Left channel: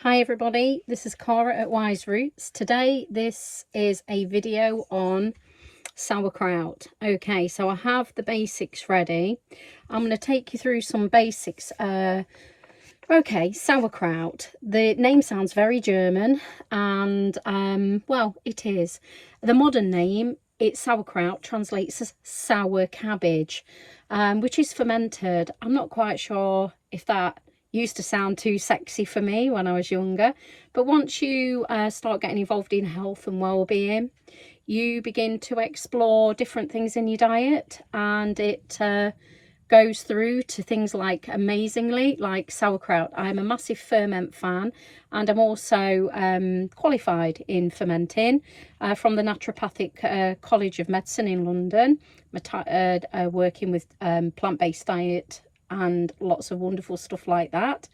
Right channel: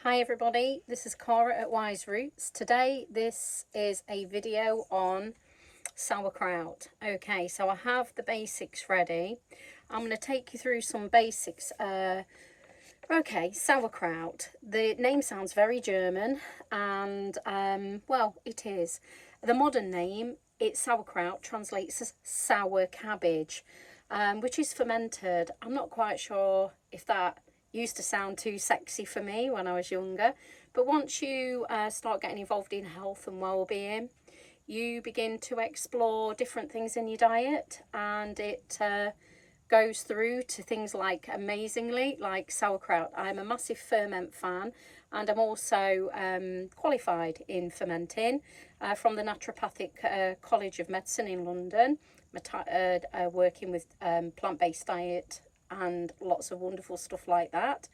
Hi everybody, this is Cara at Wise Roots. Today this is a video on sauerkraut. Okay, so I have the basics ready. I'm going to take you through some basics. Okay, sauerkraut. The name sounds very German and well, it is. The modern name, it's sauerkraut, translates as sour cabbage, which is fermented. I'm not quite sure if that used to sound too sexy for me when I was younger, but once you start getting involved in health and well-being, you begin to explore different things in your diet, and it goes through to things like, amazingly, like sauerkraut. I'm a massive ferment fan, and I'm also qualified in fermenting from the Naturopathic College of Medicine in London, working with plant-based diet and lots of wonderful stuff like that.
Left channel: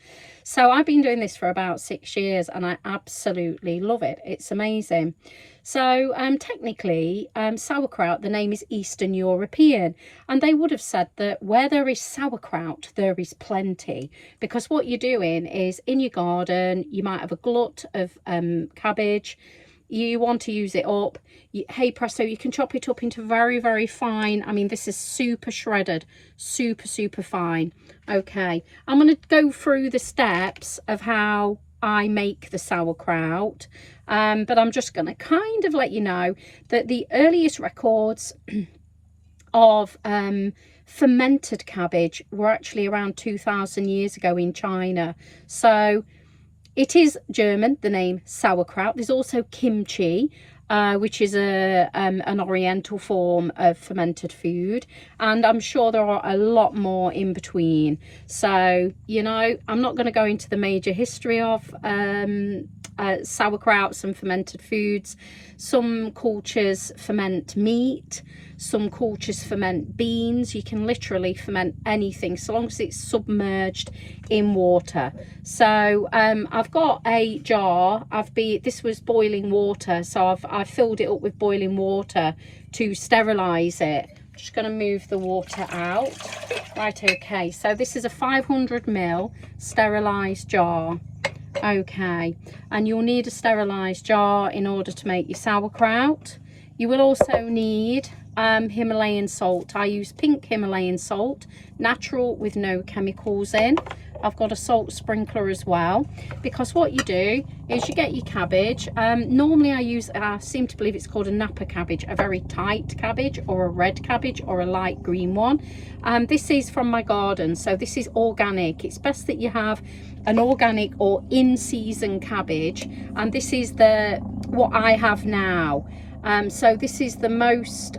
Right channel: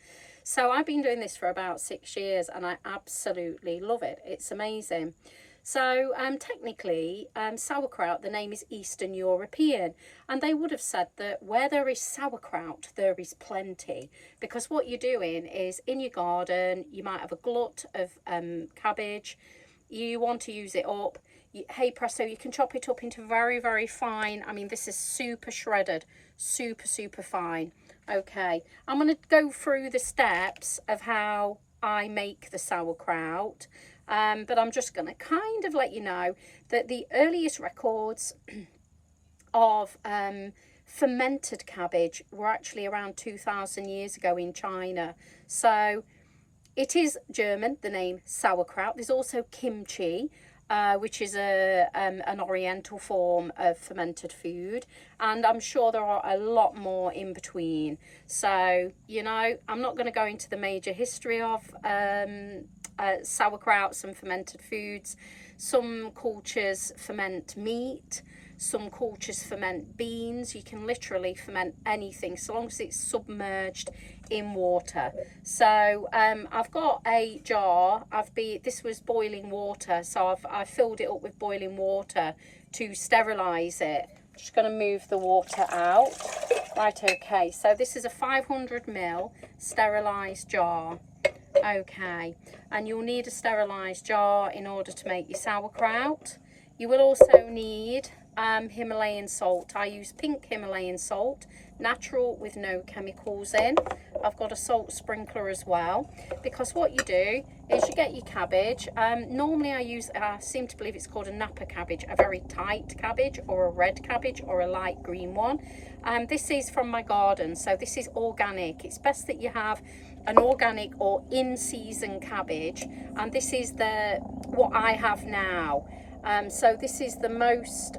So I've been doing this for about 6 years and I absolutely love it. It's amazing. So technically, sauerkraut, the name is Eastern European, and they would have said that where there is sauerkraut, there is plenty, because what you're doing is in your garden, you might have a glut of cabbage, you want to use it up. Hey presto, you can chop it up into very, very fine. I mean, this is super shredded, super fine. Okay, I'm going to go through the steps of how I make the sauerkraut, but I'm just going to kind of let you know that the earliest records of fermented cabbage were actually around 2,000 years ago in China. So it is German, the name sauerkraut. There's also kimchi, which is an oriental form of fermented food, and I'm sure there are a lot more in between. So, you know, I'm not going to go into the major history of sauerkrauts and fermented foods. Some cultures ferment meat, some cultures ferment beans. You can literally ferment anything so long as it's submerged in water. So I've got a jar. This was boiling water, so I've filled it up with boiling water to sterilize it. Just going to move the water out. Right, okay, so this is a 500 ml sterilized jar. Okay, and you'll need a sterilized jar in order to make your sauerkraut. You will also need Himalayan salt. I use Pink Himalayan salt, natural with no chemicals in. I've got a salt sprinkler as well, because what you do is you get your cabbage. Normally I seem to believe it's called a Napa cabbage, a very tight cabbage, or a red cabbage, or a light green one. This is from my garden, so this is organic. It's best that you have an organic or in-season cabbage, and this is what I have now. So this is the most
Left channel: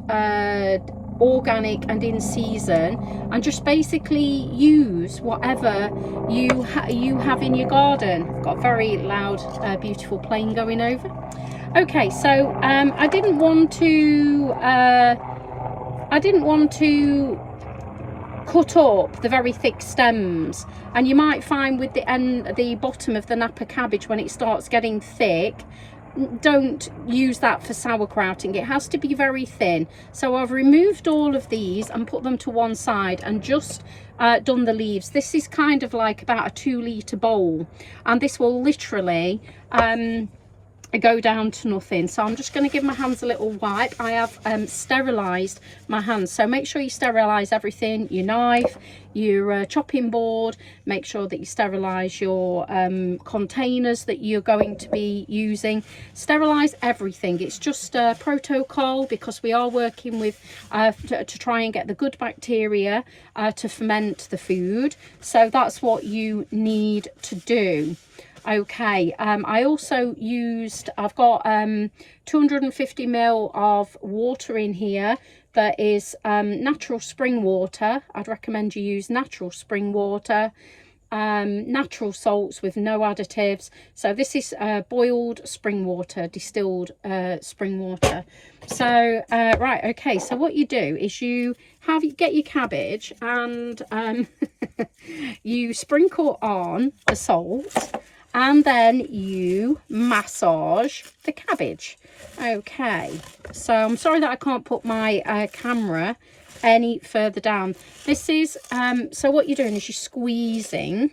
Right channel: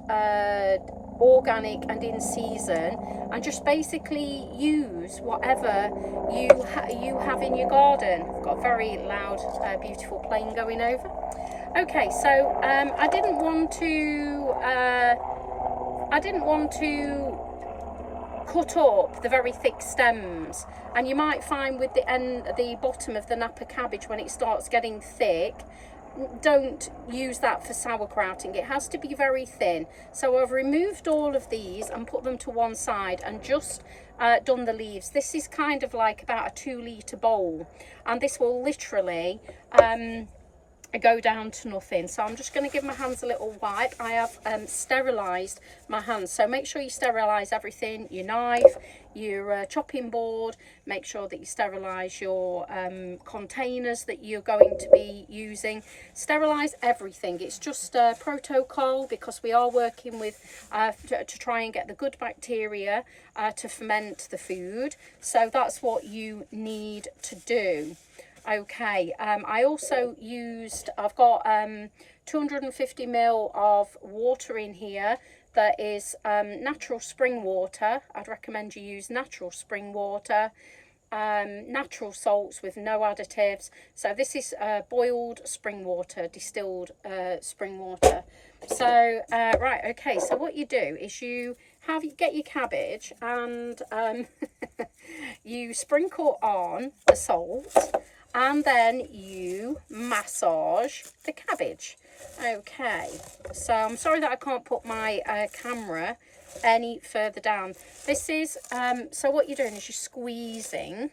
organic and in season, and just basically use whatever you have in your garden. I've got a very loud beautiful plane going over. Okay, so I didn't want to cut up the very thick stems, and you might find with the bottom of the Napa cabbage, when it starts getting thick, don't use that for sauerkrauting. It has to be very thin. So I've removed all of these and put them to one side and just done the leaves. This is kind of like about a 2-litre bowl, and this will literally go down to nothing. So I'm just going to give my hands a little wipe. I have sterilized my hands, so make sure you sterilize everything, your knife, your chopping board. Make sure that you sterilize your containers that you're going to be using. Sterilize everything. It's just a protocol, because we are working with to try and get the good bacteria to ferment the food. So that's what you need to do. Okay, I also I've got 250 ml of water in here that is natural spring water. I'd recommend you use natural spring water, natural salts with no additives. So this is boiled spring water, distilled spring water. So right, okay, so what you do is you get your cabbage, and you sprinkle on the salt, and then you massage the cabbage. Okay, so I'm sorry that I can't put my camera any further down. This is so what you're doing is you're squeezing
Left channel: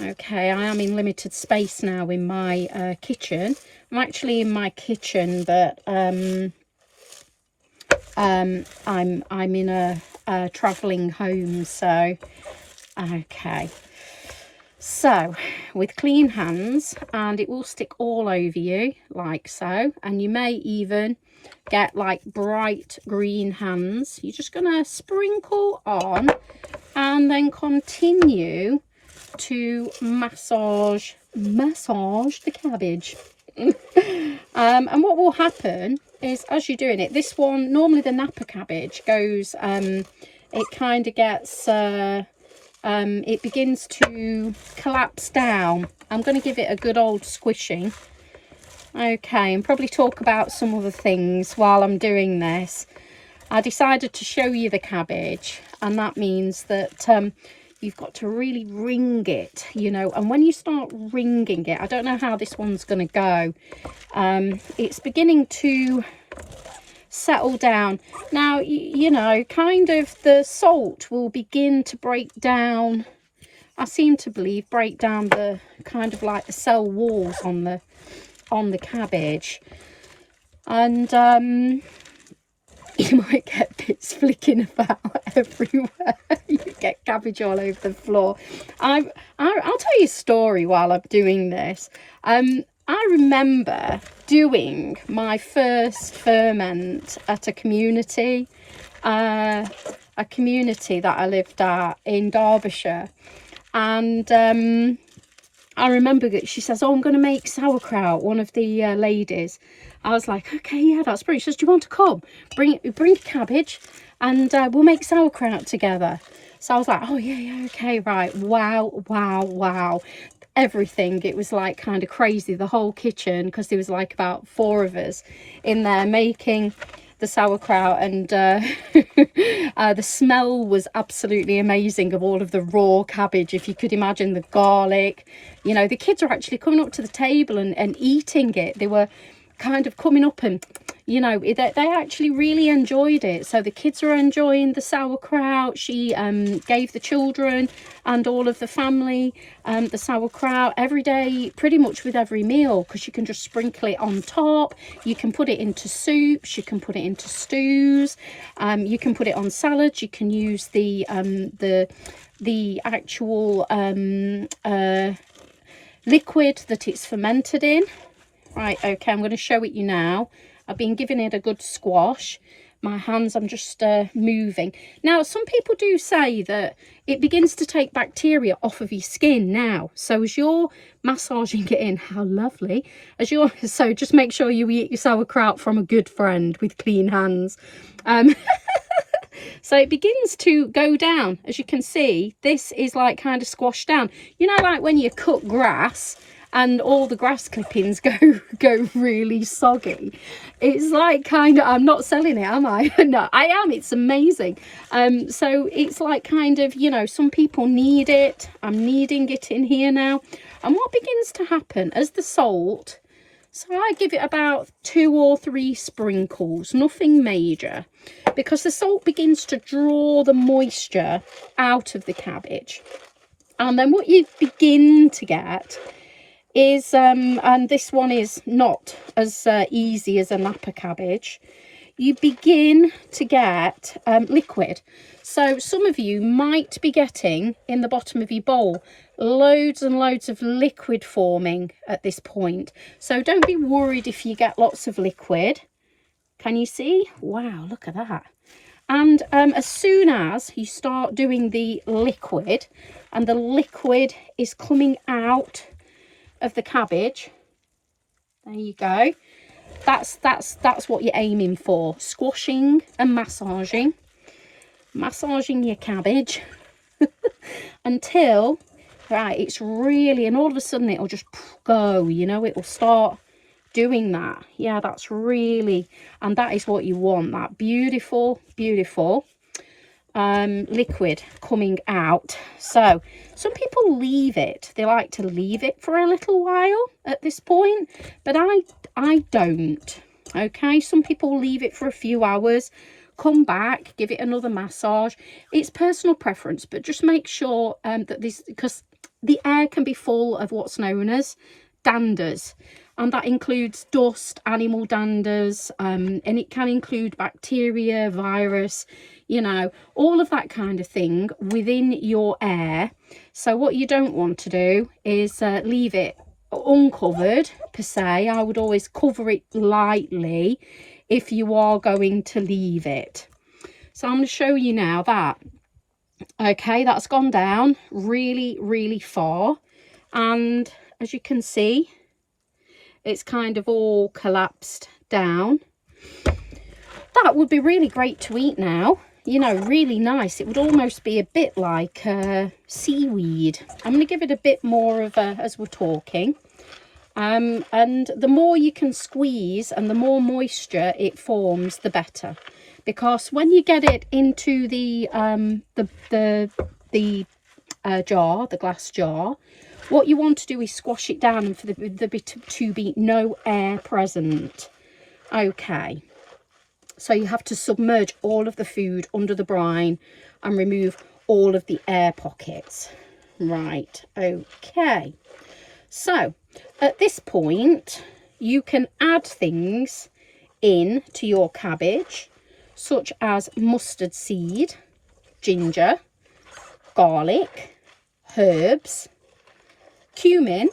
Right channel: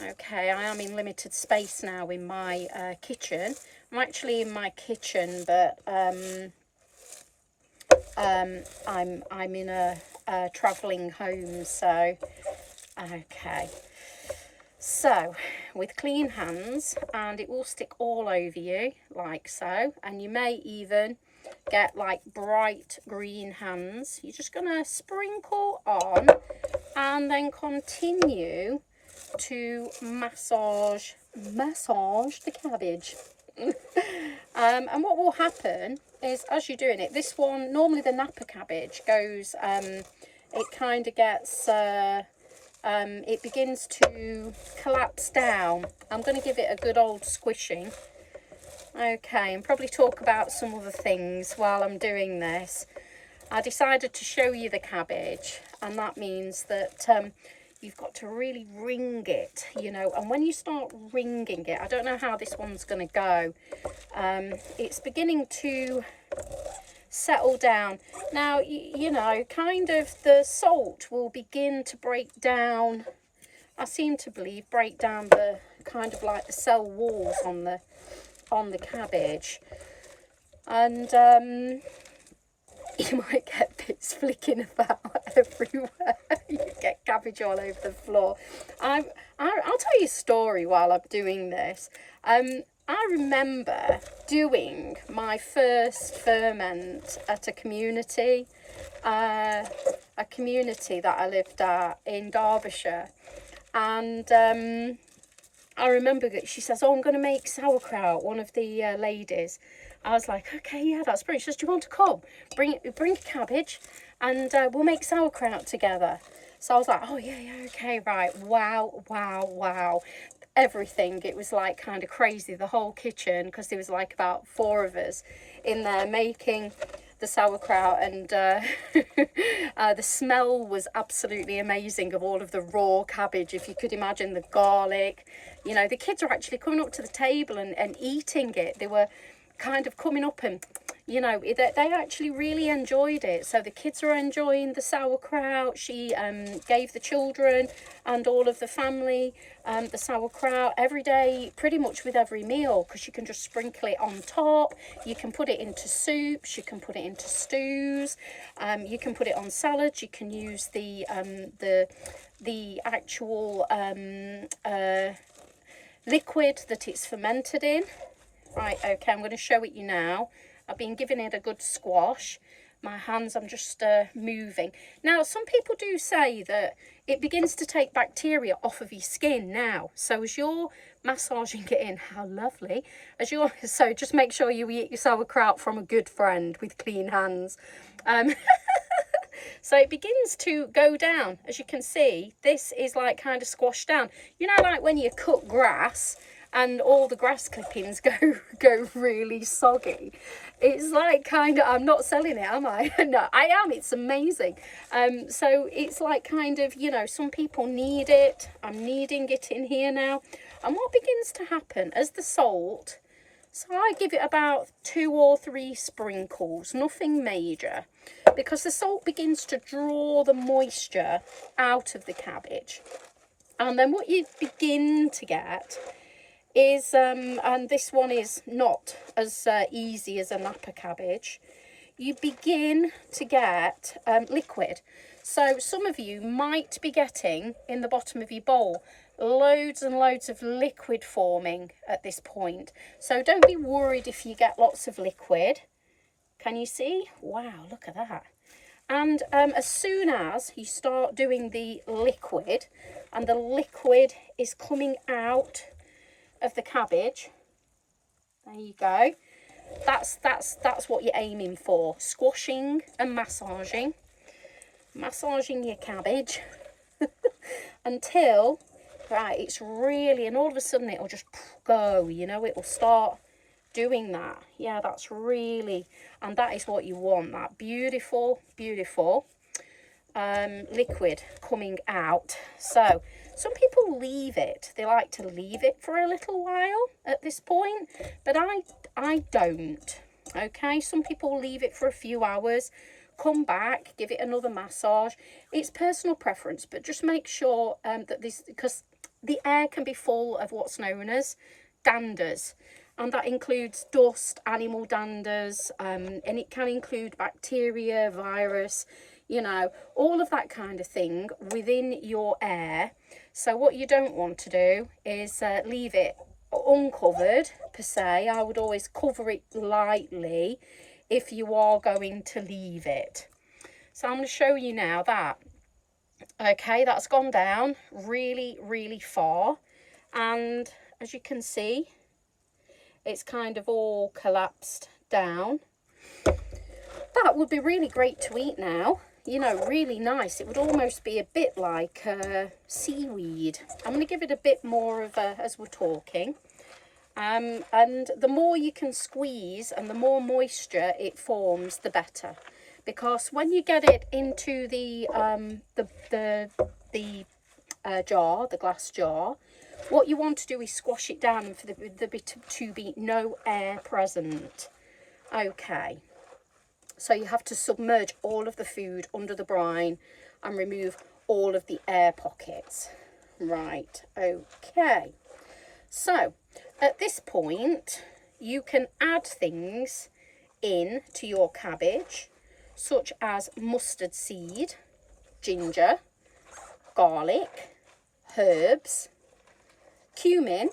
Okay, I am in limited space now in my kitchen. I'm actually in my kitchen, but I'm in a travelling home. So okay, so with clean hands, and it will stick all over you like so, and you may even get like bright green hands. You're just gonna sprinkle on and then continue to massage the cabbage. And what will happen is, as you're doing it, this one, normally the Napa cabbage goes, it kind of gets it begins to collapse down. I'm going to give it a good old squishing. Okay, and probably talk about some other things while I'm doing this. I decided to show you the cabbage, and that means that you've got to really wring it, you know. And when you start wringing it, I don't know how this one's going to go. It's beginning to settle down. Now, you know, kind of the salt will begin to break down. I seem to believe break down the kind of like the cell walls on the cabbage. And you might get bits flicking about everywhere. You get cabbage all over the floor. I'll tell you a story while I'm doing this. I remember doing my first ferment at a community that I lived at in Derbyshire. And I remember that she says, oh, I'm going to make sauerkraut, one of the ladies. I was like, okay, yeah, that's brilliant. She says, do you want to come? Bring cabbage and we'll make sauerkraut together. So I was like, oh, yeah, okay, right. Wow. Everything. It was like kind of crazy, the whole kitchen, because there was like about 4 of us in there making the sauerkraut, and the smell was absolutely amazing of all of the raw cabbage. If you could imagine the garlic, you know, the kids were actually coming up to the table and eating it. They were kind of coming up and, you know, they actually really enjoyed it. So the kids were enjoying the sauerkraut. She gave the children and all of the family the sauerkraut every day, pretty much with every meal, because you can just sprinkle it on top. You can put it into soups, you can put it into stews, you can put it on salads. You can use the actual liquid that it's fermented in. Right, okay, I'm going to show it you now. I've been giving it a good squash. My hands, I'm just moving. Now, some people do say that it begins to take bacteria off of your skin now. So as you're massaging it in, how lovely. So just make sure you eat your sauerkraut from a good friend with clean hands. So it begins to go down. As you can see, this is like kind of squashed down. You know, like when you cut grass and all the grass clippings go really soggy. It's like kind of, I'm not selling it, am I? No, I am. It's amazing. So it's like kind of, you know, some people need it. I'm needing it in here now. And what begins to happen as the salt, so I give it about 2 or 3 sprinkles, nothing major, because the salt begins to draw the moisture out of the cabbage. And then what you begin to get is, and this one is not as easy as a Napa cabbage, you begin to get liquid. So some of you might be getting in the bottom of your bowl loads and loads of liquid forming at this point. So don't be worried if you get lots of liquid. Can you see? Wow, look at that. And as soon as you start doing the liquid, and the liquid is coming out of the cabbage, there you go, that's what you're aiming for. Squashing and massaging your cabbage until, right, it's really, and all of a sudden it'll just go, you know, it will start doing that. Yeah, that's really, and that is what you want, that beautiful liquid coming out. So some people leave it, they like to leave it for a little while at this point, but I don't. Okay, some people leave it for a few hours, come back, give it another massage. It's personal preference, but just make sure that this, because the air can be full of what's known as danders, and that includes dust, animal danders, and it can include bacteria, virus, you know, all of that kind of thing within your air. So what you don't want to do is leave it uncovered per se. I would always cover it lightly if you are going to leave it. So I'm going to show you now that, okay, that's gone down really, really far, and as you can see, it's kind of all collapsed down. That would be really great to eat now, you know, really nice. It would almost be a bit like seaweed. I'm going to give it a bit more of a, as we're talking. And the more you can squeeze and the more moisture it forms, the better. Because when you get it into the jar, the glass jar, what you want to do is squash it down and for the bit to be no air present. Okay, so you have to submerge all of the food under the brine and remove all of the air pockets. Right, okay. So at this point, you can add things in to your cabbage, such as mustard seed, ginger, garlic, herbs, cumin,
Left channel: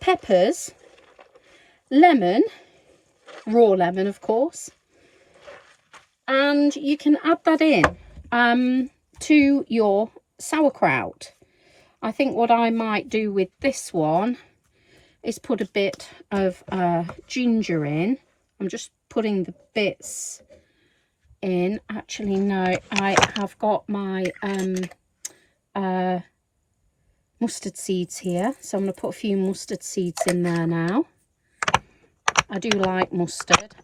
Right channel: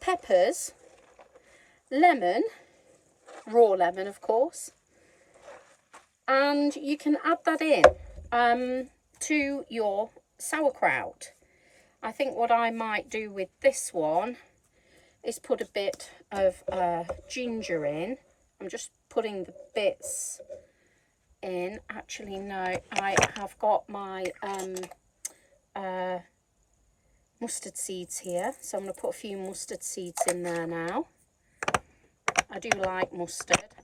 peppers, lemon, raw lemon of course, and you can add that in to your sauerkraut. I think what I might do with this one is put a bit of ginger in. I'm just putting the bits in. Actually no, I have got my mustard seeds here, so I'm going to put a few mustard seeds in there now. I do like mustard.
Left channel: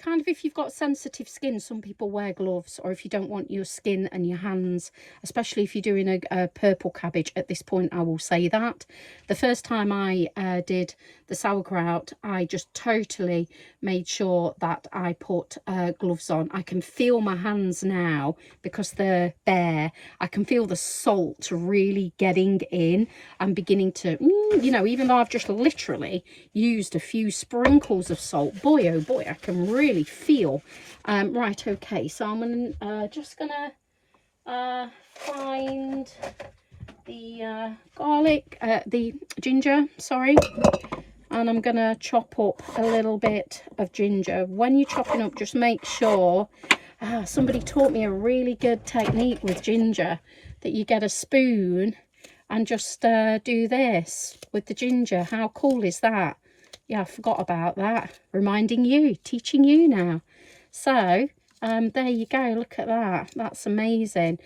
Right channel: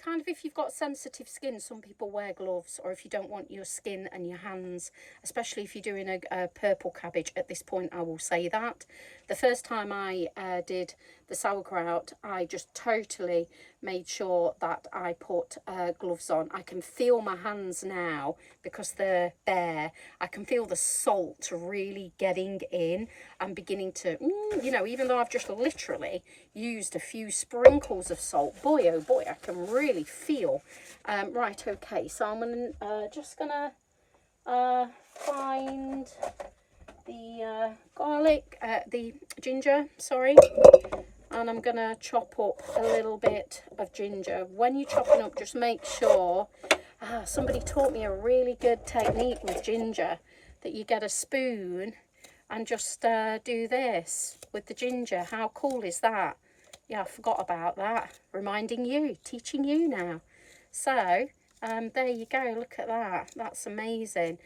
Kind of if you've got sensitive skin, some people wear gloves, or if you don't want your skin and your hands, especially if you're doing a purple cabbage. At this point I will say that the first time I did the sauerkraut, I just totally made sure that I put gloves on. I can feel my hands now because they're bare. I can feel the salt really getting in and beginning to, you know, even though I've just literally used a few sprinkles of salt, boy oh boy, I can really feel. Right, okay, so I'm just gonna find the garlic, the ginger, sorry, and I'm gonna chop up a little bit of ginger. When you're chopping up, just make sure, somebody taught me a really good technique with ginger, that you get a spoon and just do this with the ginger. How cool is that? Yeah, I forgot about that. Reminding you, teaching you now. So there you go, look at that, that's amazing.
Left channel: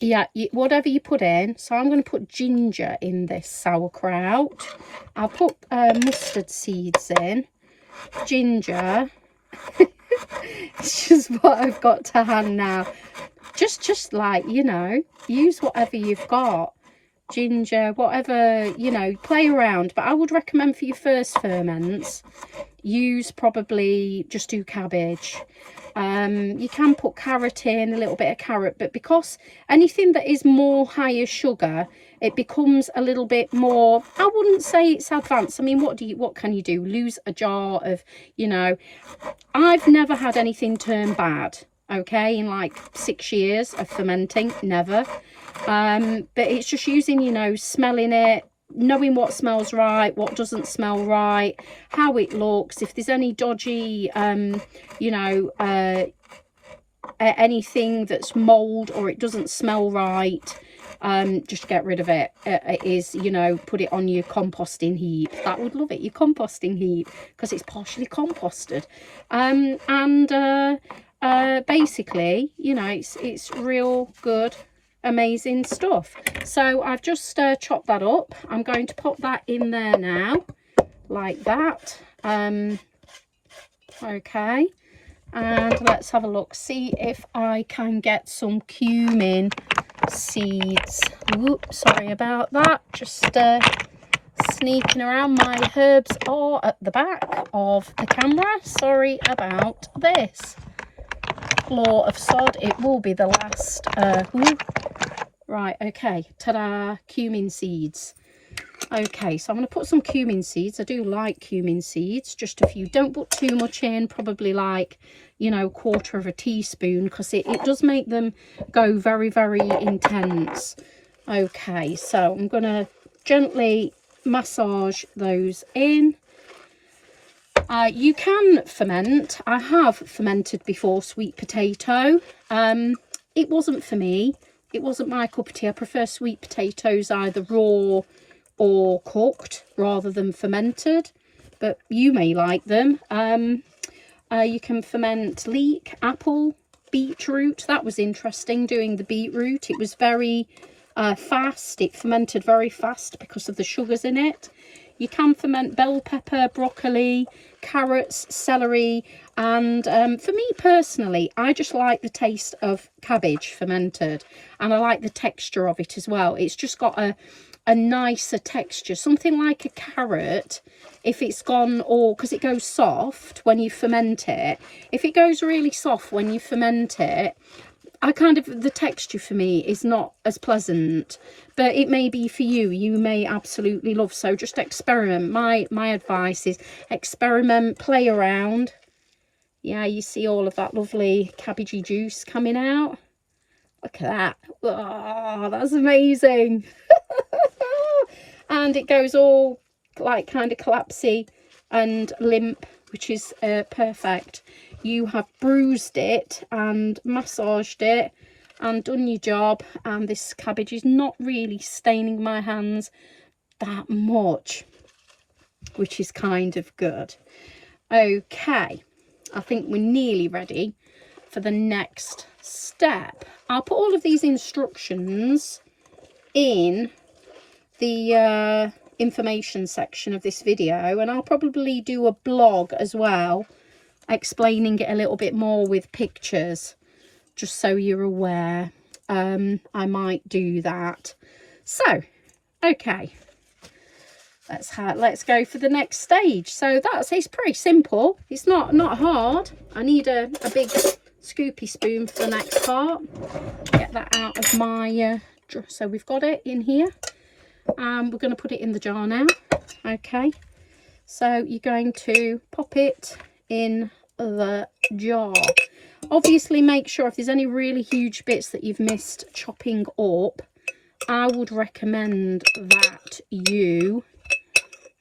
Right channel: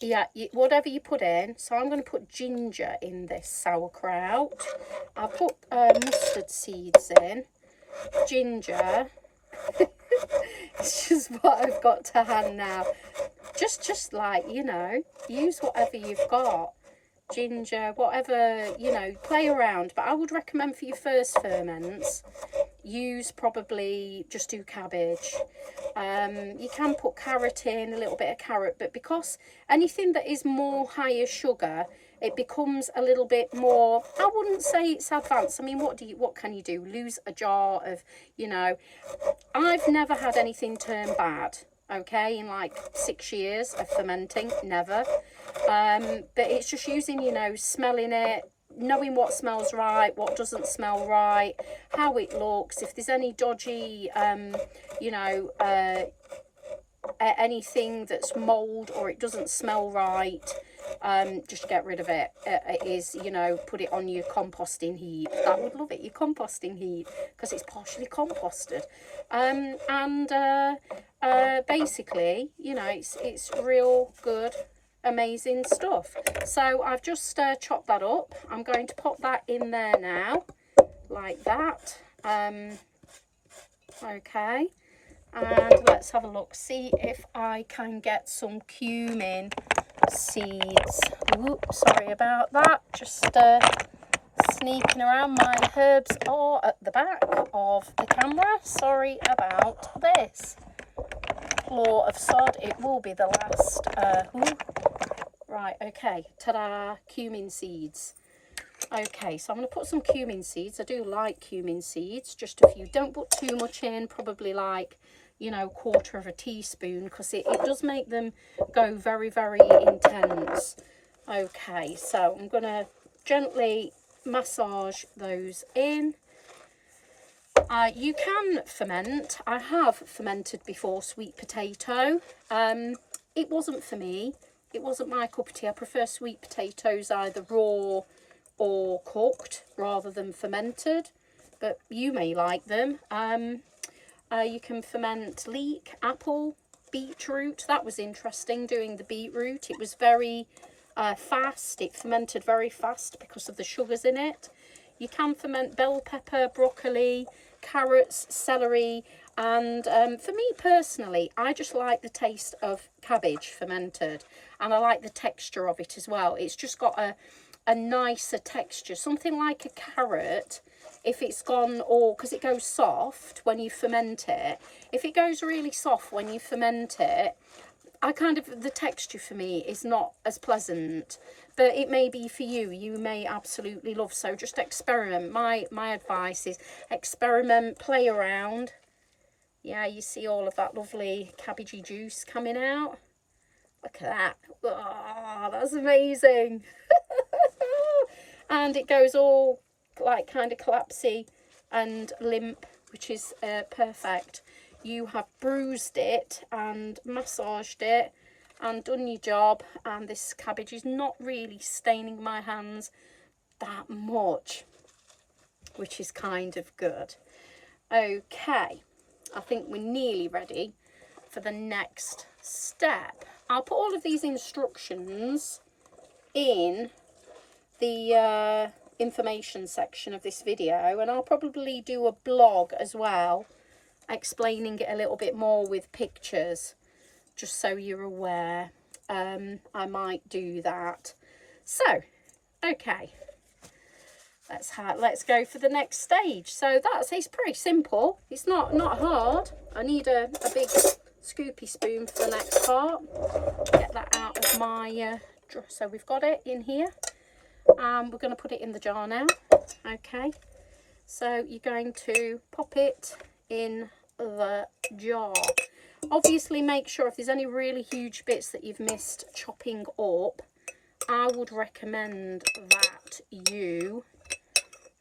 Yeah, whatever you put in. So I'm going to put ginger in this sauerkraut. I'll put mustard seeds in, ginger. It's just what I've got to hand now. Just like, you know, use whatever you've got. Ginger, whatever, you know, play around. But I would recommend for your first ferments, use probably just do cabbage. You can put carrot in, a little bit of carrot, but because anything that is more higher sugar, it becomes a little bit more, I wouldn't say it's advanced. I mean, what can you do? Lose a jar of, you know, I've never had anything turn bad, okay, in like 6 years of fermenting, never. But it's just using, you know, smelling it, knowing what smells right, what doesn't smell right, how it looks, if there's any dodgy you know, anything that's mold or it doesn't smell right, just get rid of it. It is, you know, put it on your composting heap. That would love it, your composting heap, because it's partially composted. Basically, you know, it's real good, amazing stuff. So I've just chopped that up. I'm going to pop that in there now, like that. Okay, and let's have a look, see if I can get some cumin seeds. Whoops, sorry about that, just sneaking around. My herbs are at the back of the camera, sorry about this. Floor of sod, it will be the last Right, okay, ta-da, cumin seeds. Okay, so I'm going to put some cumin seeds. I do like cumin seeds, just a few. Don't put too much in, probably like, you know, 1/4 of a teaspoon, because it does make them go very, very intense. Okay, so I'm going to gently massage those in. You can ferment. I have fermented before sweet potato. It wasn't for me. It wasn't my cup of tea. I prefer sweet potatoes either raw or cooked rather than fermented, but you may like them. You can ferment leek, apple, beetroot. That was interesting, doing the beetroot. It was very fast. It fermented very fast because of the sugars in it. You can ferment bell pepper, broccoli, carrots, celery, and for me personally, I just like the taste of cabbage fermented, and I like the texture of it as well. It's just got a nicer texture, something like a carrot. If it's gone, or because it goes soft when you ferment it, if it goes really soft when you ferment it, the texture for me is not as pleasant, but it may be for you. You may absolutely love, so just experiment. My advice is experiment, play around. Yeah, you see all of that lovely cabbagey juice coming out. Look at that. Oh, that's amazing. And it goes all like kind of collapsy and limp, which is perfect. You have bruised it and massaged it and done your job, and this cabbage is not really staining my hands that much, which is kind of good. Okay, I think we're nearly ready for the next step. I'll put all of these instructions in the information section of this video, and I'll probably do a blog as well explaining it a little bit more with pictures, just so you're aware. I might do that. So okay, let's go for the next stage. So it's pretty simple. It's not hard. I need a big scoopy spoon for the next part. Get that out of my so we've got it in here. We're going to put it in the jar now. Okay, so you're going to pop it in the jar. Obviously make sure if there's any really huge bits that you've missed chopping up, I would recommend that you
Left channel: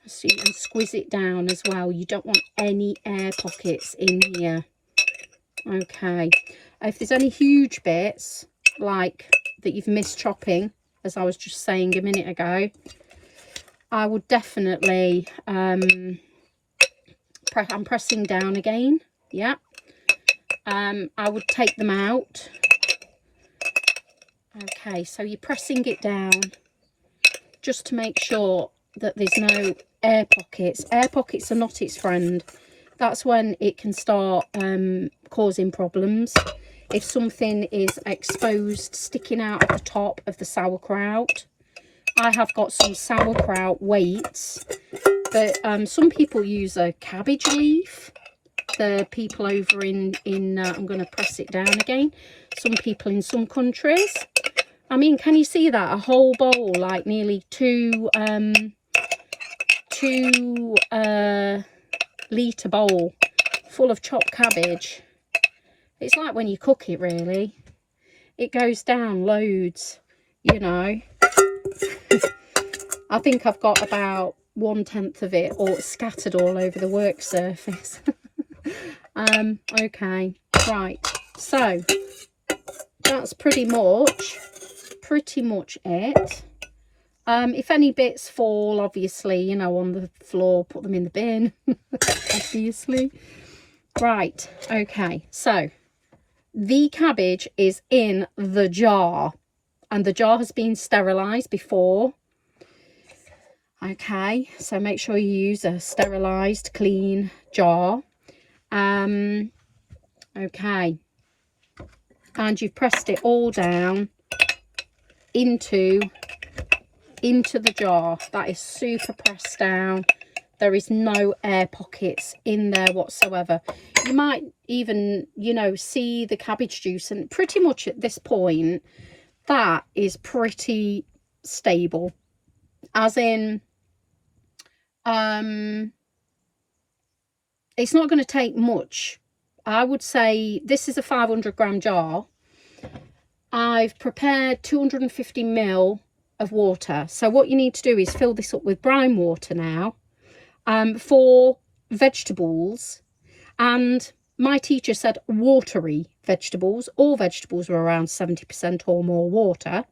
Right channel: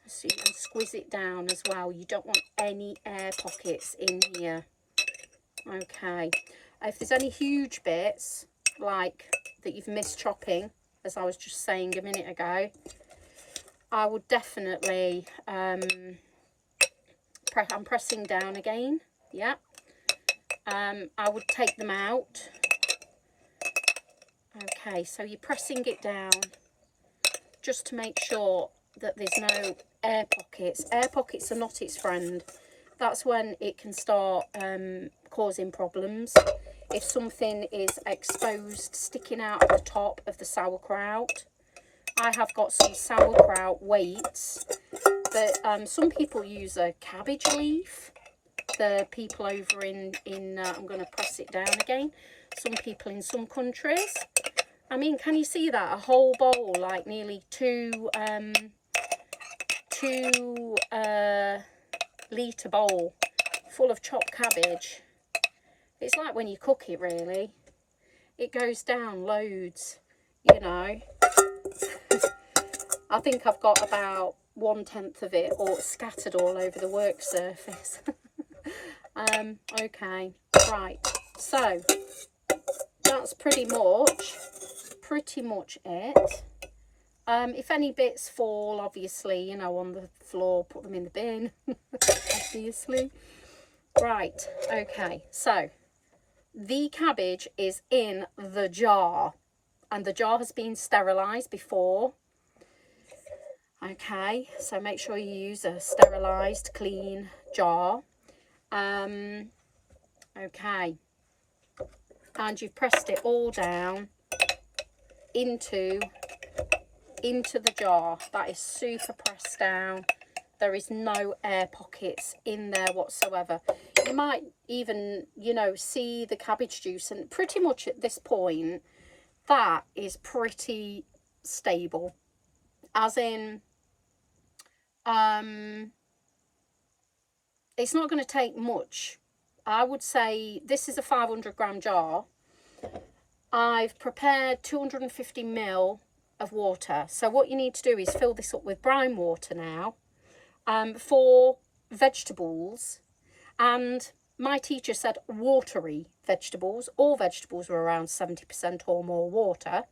and squeeze it down as well. You don't want any air pockets in here. Okay, if there's any huge bits like that you've missed chopping, as I was just saying a minute ago, I would definitely I'm pressing down again. Yeah, I would take them out. Okay, so you're pressing it down just to make sure that there's no air pockets. Air pockets are not its friend. That's when it can start causing problems. If something is exposed, sticking out at the top of the sauerkraut. I have got some sauerkraut weights, but some people use a cabbage leaf. The people over in I'm going to press it down again. Some people in some countries. I mean, can you see that? A whole bowl, like nearly two litre bowl full of chopped cabbage. It's like when you cook it, really. It goes down loads, you know. I think I've got about 1/10 of it all scattered all over the work surface. Okay, right, so that's pretty much it. If any bits fall, obviously, you know, on the floor, put them in the bin. Obviously. Right, okay, so the cabbage is in the jar, and the jar has been sterilised before. Okay, so make sure you use a sterilised, clean jar. Okay, and you've pressed it all down into the jar. That is super pressed down. There is no air pockets in there whatsoever. You might even, you know, see the cabbage juice, and pretty much at this point that is pretty stable, as in it's not going to take much. I would say this is a 500-gram jar. I've prepared 250 ml of water. So what you need to do is fill this up with brine water now, for vegetables. And my teacher said watery vegetables. All vegetables are around 70% or more water.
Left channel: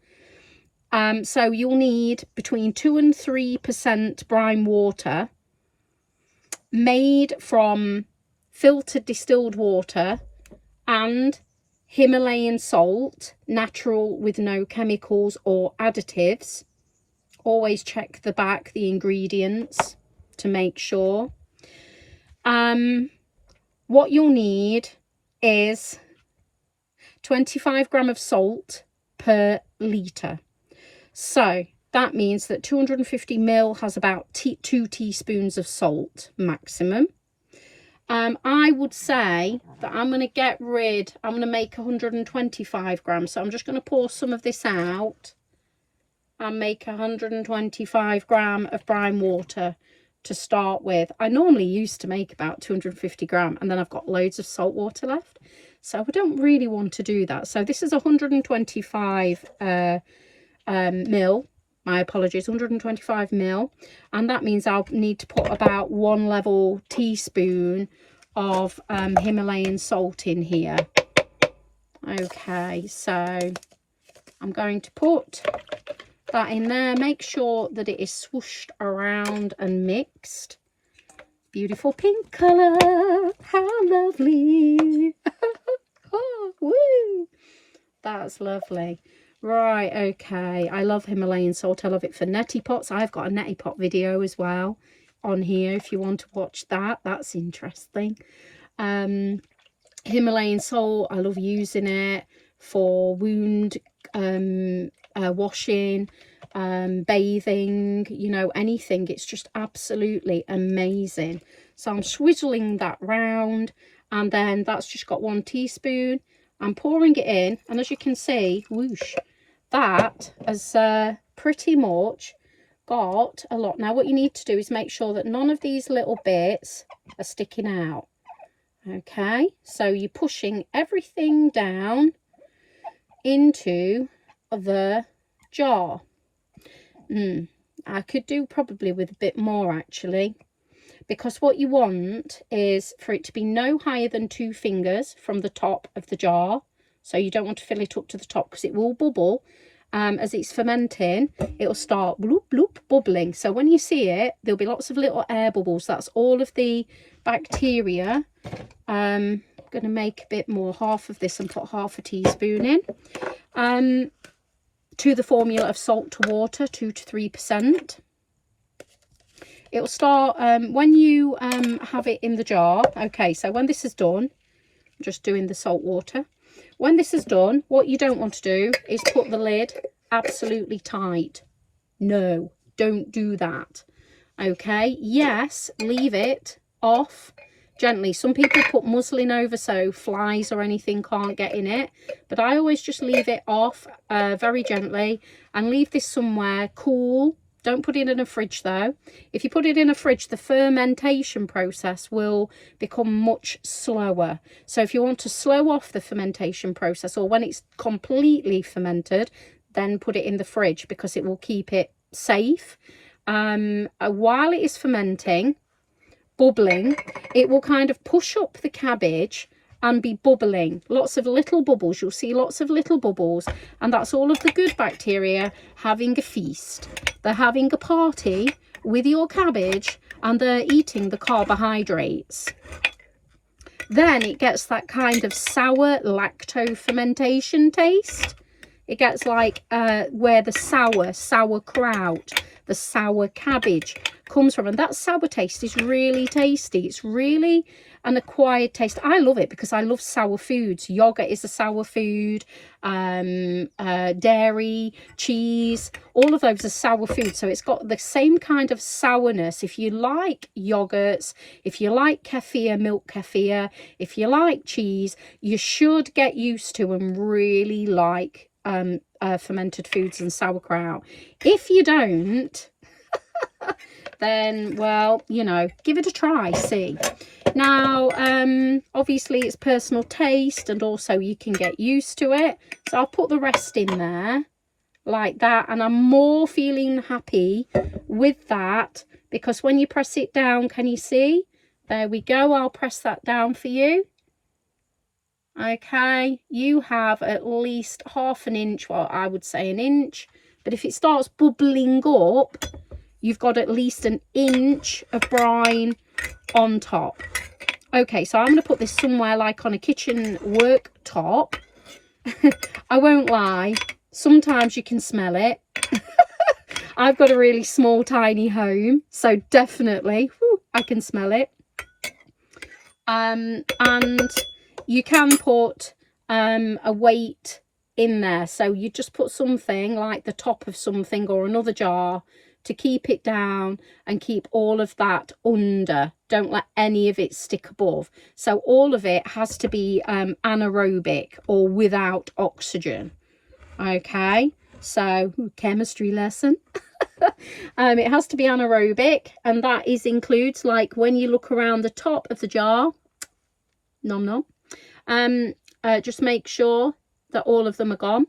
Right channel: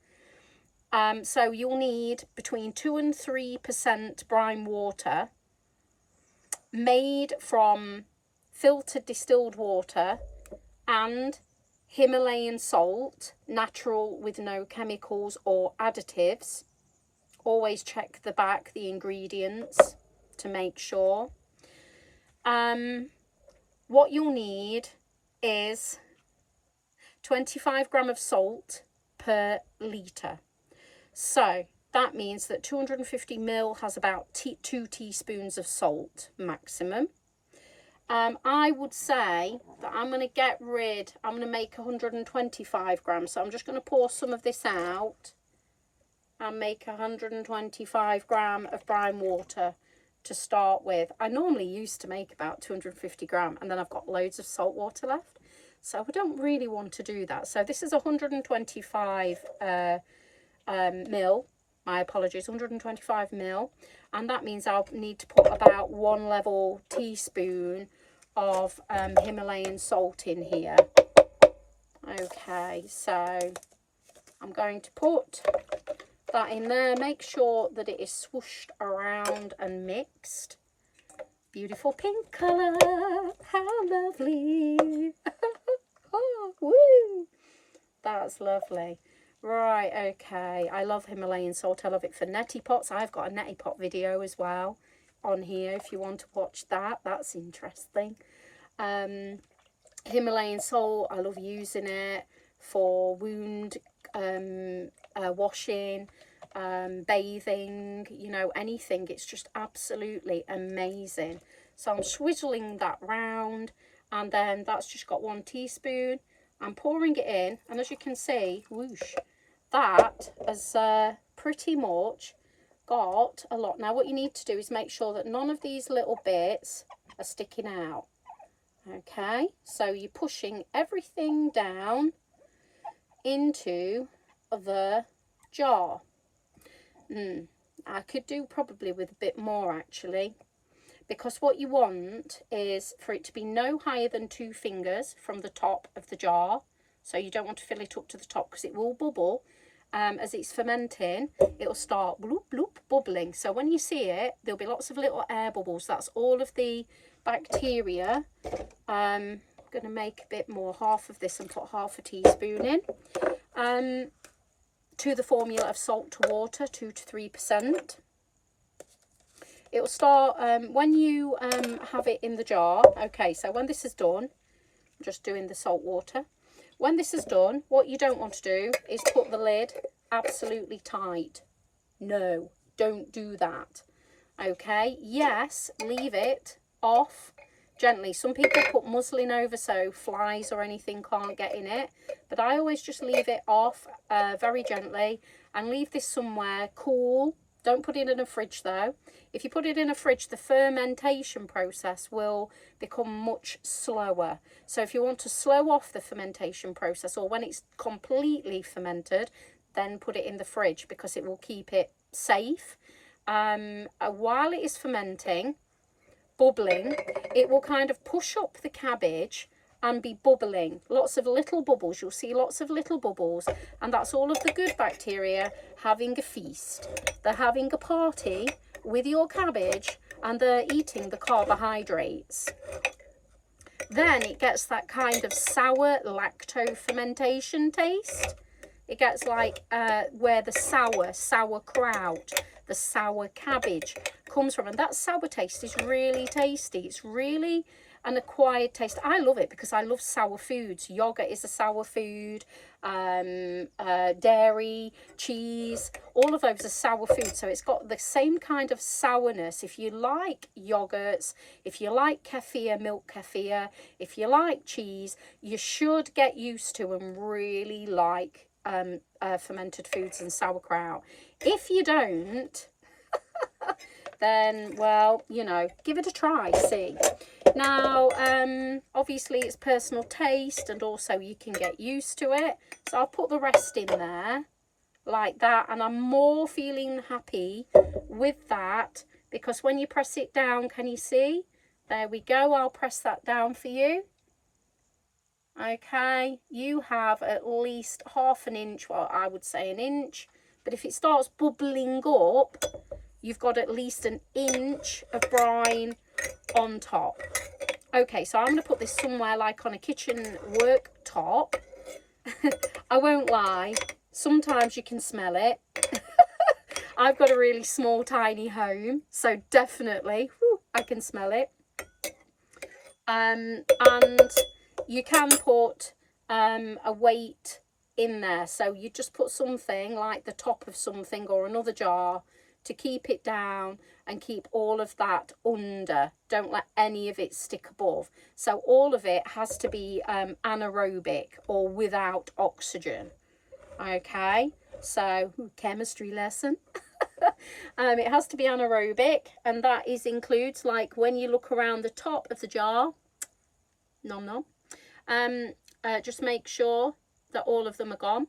So you'll need between 2 and 3% brine water, made from filtered distilled water and Himalayan salt, natural with no chemicals or additives. Always check the back, the ingredients, to make sure. What you'll need is 25 gram of salt per litre. So that means that 250 ml has about 2 teaspoons of salt maximum. I would say that I'm going to make 125 grams. So I'm just going to pour some of this out and make 125 gram of brine water to start with. I normally used to make about 250 gram, and then I've got loads of salt water left. So I don't really want to do that. So this is 125 ml. My apologies, 125 ml, and that means I'll need to put about 1 level teaspoon of Himalayan salt in here. Okay, so I'm going to put that in there. Make sure that it is swooshed around and mixed. Beautiful pink colour, how lovely. Oh, woo, that's lovely. Right, okay, I love Himalayan salt. I love it for neti pots. I've got a neti pot video as well on here if you want to watch that. That's interesting. Himalayan salt, I love using it for wound washing, bathing, you know, anything. It's just absolutely amazing. So I'm swizzling that round, and then that's just got 1 teaspoon. I'm pouring it in, and as you can see, whoosh, that has pretty much got a lot. Now what you need to do is make sure that none of these little bits are sticking out. Okay, so you're pushing everything down into the jar. I could do probably with a bit more actually, because what you want is for it to be no higher than 2 fingers from the top of the jar. So you don't want to fill it up to the top, because it will bubble. As it's fermenting, it'll start bloop bloop bubbling. So when you see it, there'll be lots of little air bubbles. That's all of the bacteria. I'm going to make a bit more, half of this, and put half a teaspoon in. To the formula of salt to water, 2 to 3%. It'll start when you have it in the jar. Okay, so when this is done, I'm just doing the salt water. When this is done, what you don't want to do is put the lid absolutely tight. No, don't do that. Okay, yes, leave it off gently. Some people put muslin over so flies or anything can't get in it, but I always just leave it off very gently, and leave this somewhere cool. Don't put it in a fridge though. If you put it in a fridge, the fermentation process will become much slower. So if you want to slow off the fermentation process, or when it's completely fermented, then put it in the fridge, because it will keep it safe. While it is fermenting, bubbling, it will kind of push up the cabbage and be bubbling. Lots of little bubbles. You'll see lots of little bubbles, and that's all of the good bacteria having a feast. They're having a party with your cabbage, and they're eating the carbohydrates. Then it gets that kind of sour lacto fermentation taste. It gets like where the sauerkraut, the sour cabbage comes from, and that sour taste is really tasty. It's really an acquired taste. I love it because I love sour foods. Yogurt is a sour food, dairy, cheese, all of those are sour foods. So it's got the same kind of sourness. If you like yogurts, if you like kefir, milk kefir, if you like cheese, you should get used to and really like fermented foods and sauerkraut. If you don't, then, well, you know, give it a try, see. Now, obviously it's personal taste, and also you can get used to it. So I'll put the rest in there like that, and I'm more feeling happy with that, because when you press it down, can you see? There we go. I'll press that down for you. Okay, you have at least half an inch, well, I would say an inch, but if it starts bubbling up, you've got at least an inch of brine on top. Okay, so I'm going to put this somewhere like on a kitchen worktop. I won't lie, sometimes you can smell it. I've got a really small, tiny home, so definitely I can smell it. And you can put a weight in there, so you just put something like the top of something or another jar to keep it down and keep all of that under. Don't let any of it stick above. So all of it has to be anaerobic or without oxygen. Okay, so chemistry lesson. It has to be anaerobic, and that includes, like, when you look around the top of the jar, nom nom, just make sure that all of them are gone.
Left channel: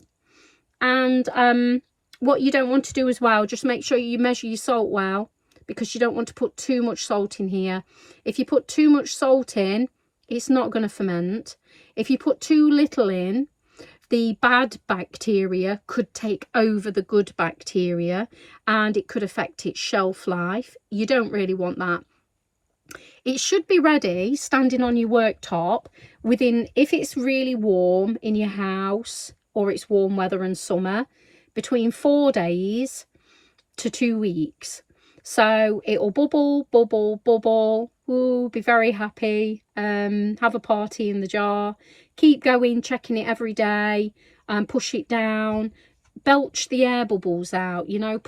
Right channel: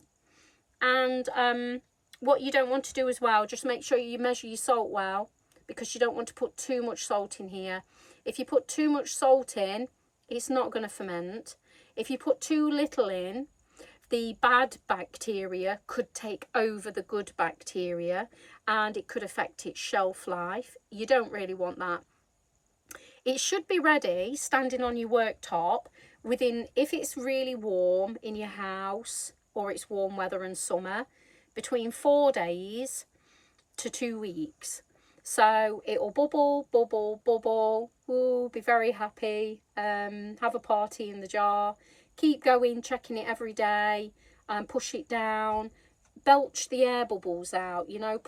And what you don't want to do as well, just make sure you measure your salt well, because you don't want to put too much salt in here. If you put too much salt in, it's not going to ferment. If you put too little in, the bad bacteria could take over the good bacteria, and it could affect its shelf life. You don't really want that. It should be ready, standing on your worktop, within, if it's really warm in your house or it's warm weather and summer, between 4 days to 2 weeks. So it'll bubble, bubble, bubble. Ooh, be very happy. Have a party in the jar. Keep going, checking it every day. Push it down. Belch the air bubbles out, you know,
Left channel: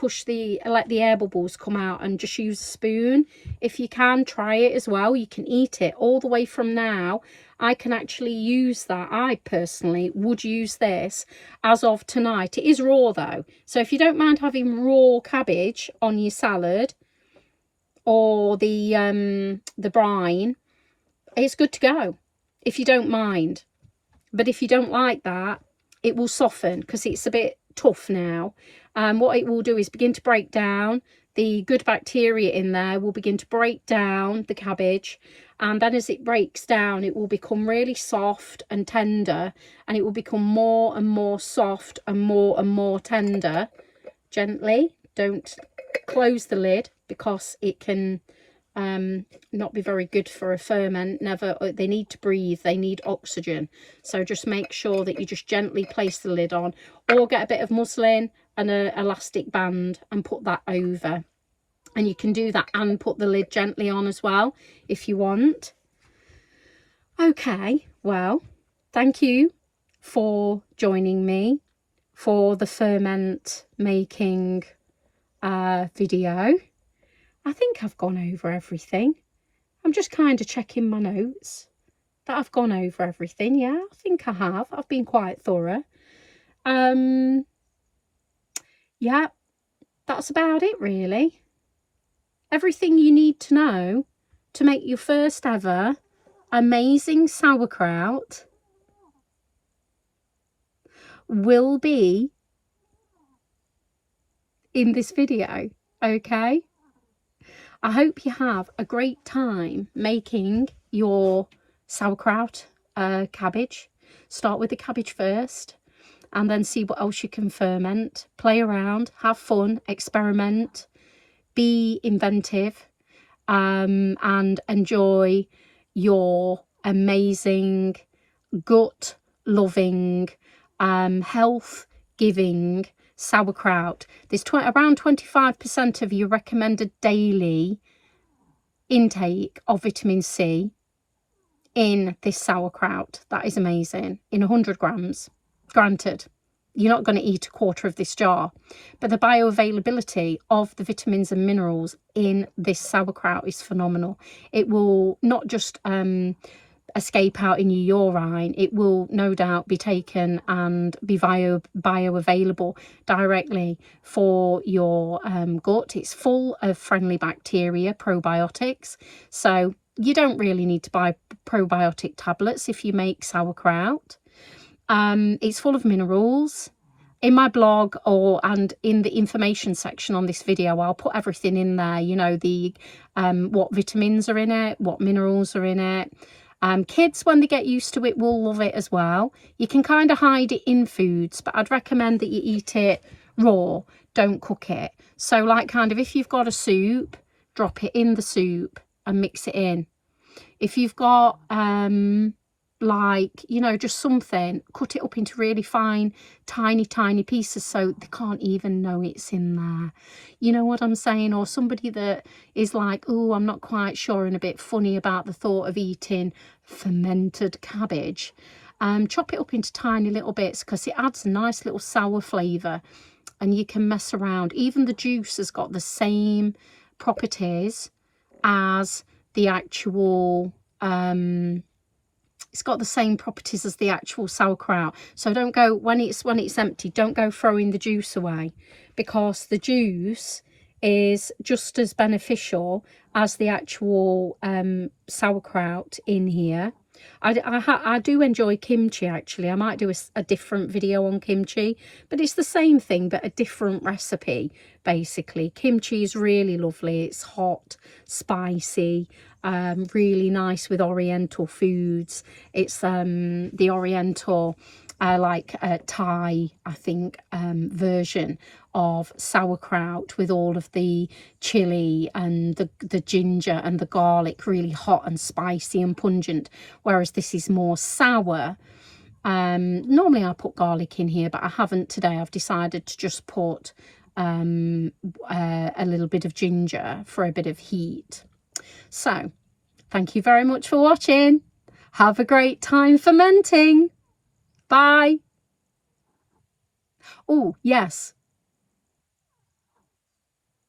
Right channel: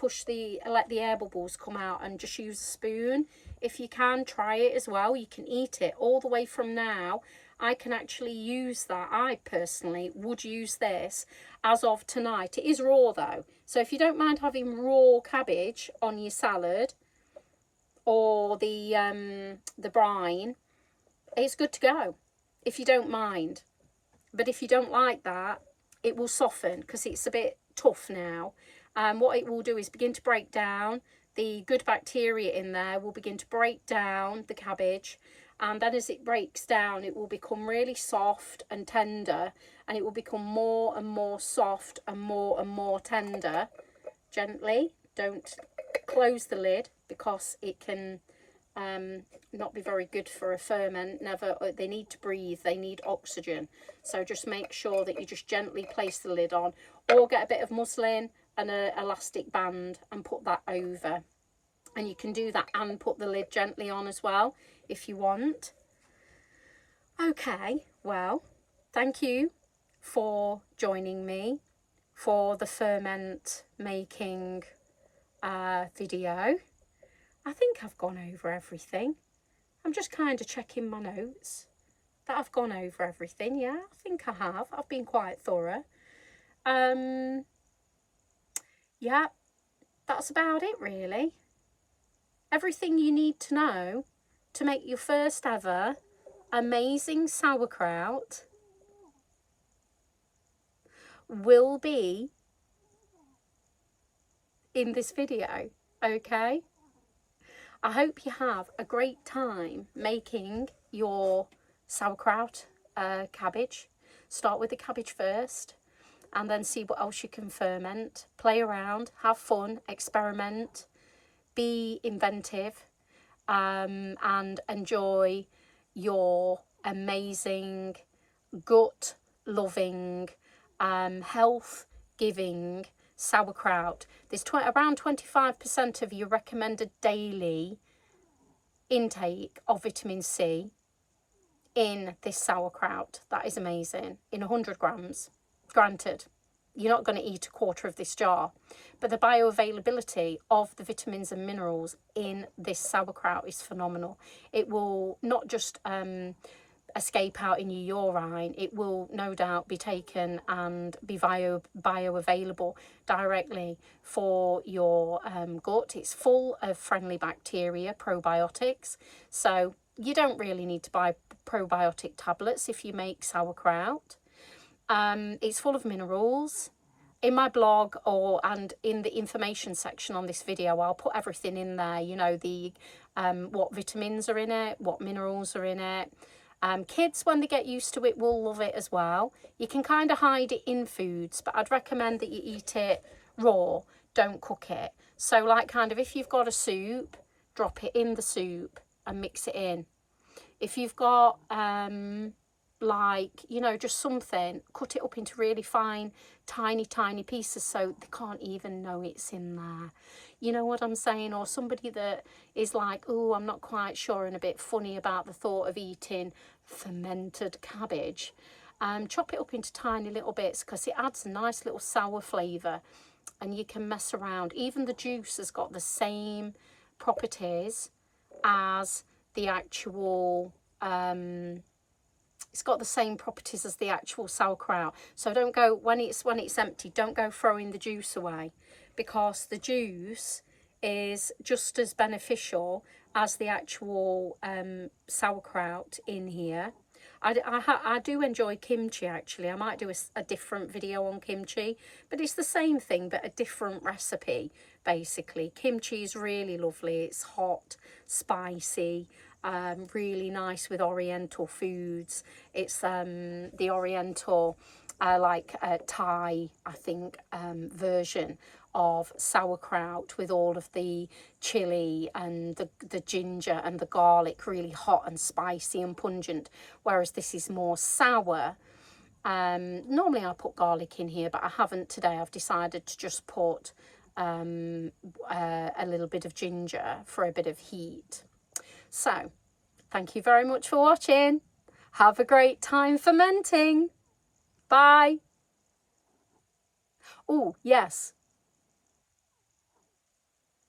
let the air bubbles come out, and just use a spoon. If you can, try it as well. You can eat it all the way from now. I can actually use that. I personally would use this as of tonight. It is raw though, so if you don't mind having raw cabbage on your salad or the brine, it's good to go if you don't mind. But if you don't like that, it will soften because it's a bit tough now. What it will do is begin to break down the good bacteria in there, will begin to break down the cabbage, and then as it breaks down, it will become really soft and tender, and it will become more and more soft and more tender. Gently, don't close the lid, because it can not be very good for a ferment. Never. They need to breathe, they need oxygen, so just make sure that you just gently place the lid on, or get a bit of muslin and an elastic band and put that over, and you can do that and put the lid gently on as well if you want. Okay, well, thank you for joining me for the ferment making video. I think I've gone over everything. I'm just kind of checking my notes that I've gone over everything. Yeah, I think I have. I've been quite thorough. Yeah, that's about it really. Everything you need to know to make your first ever amazing sauerkraut will be in this video, okay? I hope you have a great time making your sauerkraut cabbage. Start with the cabbage first, and then see what else you can ferment. Play around, have fun, experiment, be inventive, and enjoy your amazing, gut loving, health giving sauerkraut. There's around 25% of your recommended daily intake of vitamin C in this sauerkraut. That is amazing. In 100 grams. Granted, you're not going to eat a quarter of this jar, but the bioavailability of the vitamins and minerals in this sauerkraut is phenomenal. It will not just escape out in your urine, it will no doubt be taken and be bioavailable directly for your gut. It's full of friendly bacteria, probiotics, so you don't really need to buy probiotic tablets if you make sauerkraut. It's full of minerals. In my blog and in the information section on this video, I'll put everything in there, you know, the what vitamins are in it, what minerals are in it. Kids, when they get used to it, will love it as well. You can kind of hide it in foods, but I'd recommend that you eat it raw, don't cook it. So like kind of if you've got a soup, drop it in the soup and mix it in. If you've got like, you know, just something, cut it up into really fine, tiny pieces so they can't even know it's in there. You know what I'm saying? Or somebody that is like, oh, I'm not quite sure and a bit funny about the thought of eating fermented cabbage. Chop it up into tiny little bits because it adds a nice little sour flavour, and you can mess around. Even the juice has got the same properties as the actual it's got the same properties as the actual sauerkraut. So don't go, when it's empty, don't go throwing the juice away, because the juice is just as beneficial as the actual sauerkraut in here. I do enjoy kimchi, actually. I might do a different video on kimchi, but it's the same thing but a different recipe. Basically, kimchi is really lovely. It's hot, spicy, really nice with oriental foods. It's the oriental like Thai, I think, version of sauerkraut, with all of the chili and the ginger and the garlic, really hot and spicy and pungent, whereas this is more sour. Normally I put garlic in here, but I haven't today. I've decided to just put a little bit of ginger for a bit of heat. So thank you very much for watching. Have a great time fermenting. Bye. Oh yes,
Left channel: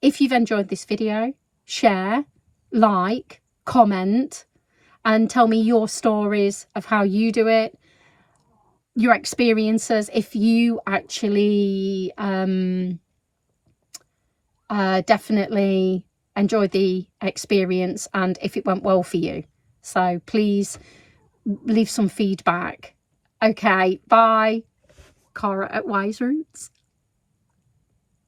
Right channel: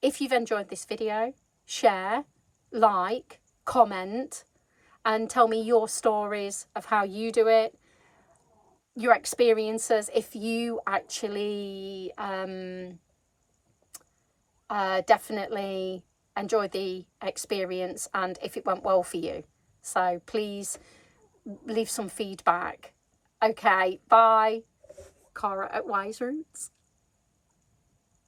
if you've enjoyed this video, share, like, comment, and tell me your stories of how you do it, your experiences, if you actually definitely enjoyed the experience and if it went well for you. So please leave some feedback. Okay, bye. Cara at Wise Roots.